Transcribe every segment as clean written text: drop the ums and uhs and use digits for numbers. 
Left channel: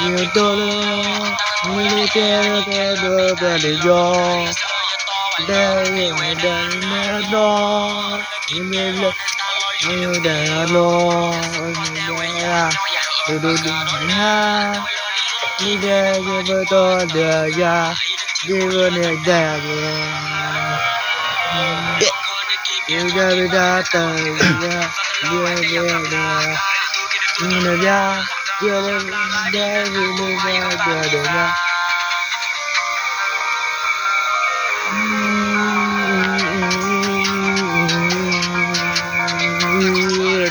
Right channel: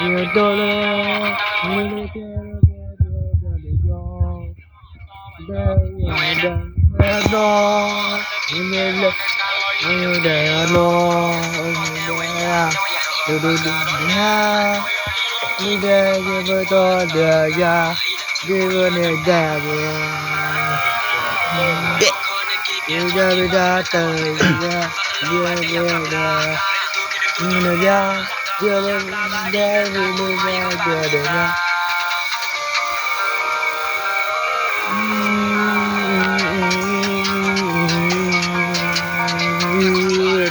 nhiều dollar mình kêu để do đây đó mình ayo để lo du ha đi đây với tôi đưa ra đi với này đây đi ra đi ra từ ra đi ra đi ra chưa lên đây đi ra chờ để ra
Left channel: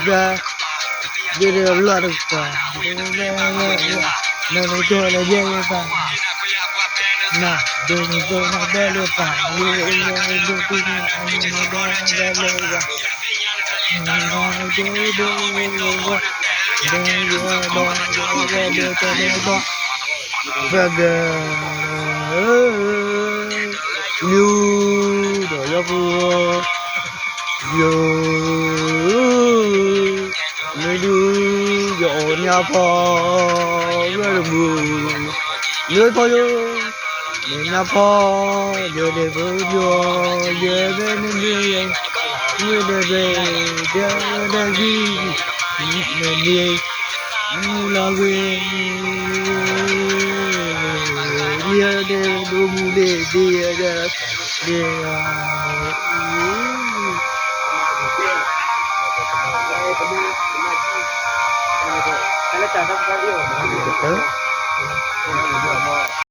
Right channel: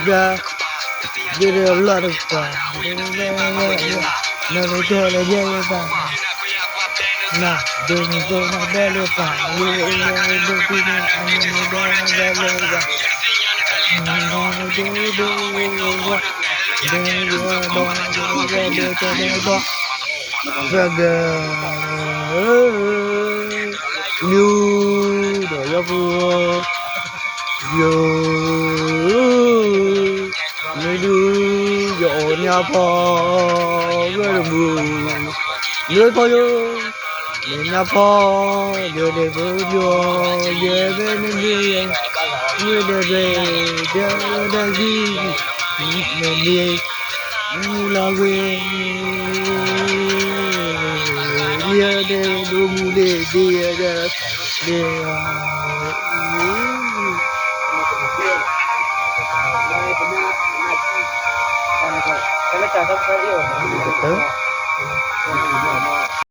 ra đi ra lo được cả nó nói cho là dễ vậy nè đừng tôi nó đeo được cả như đôi khi anh đeo được cả như đổi ra vừa mới đưa dọn nhà phò rồi được mưa lưới phò vô để nhà phò giờ để vừa vô giờ về nên đi người để về để gì nên đi là về đi để đồ mua để đi để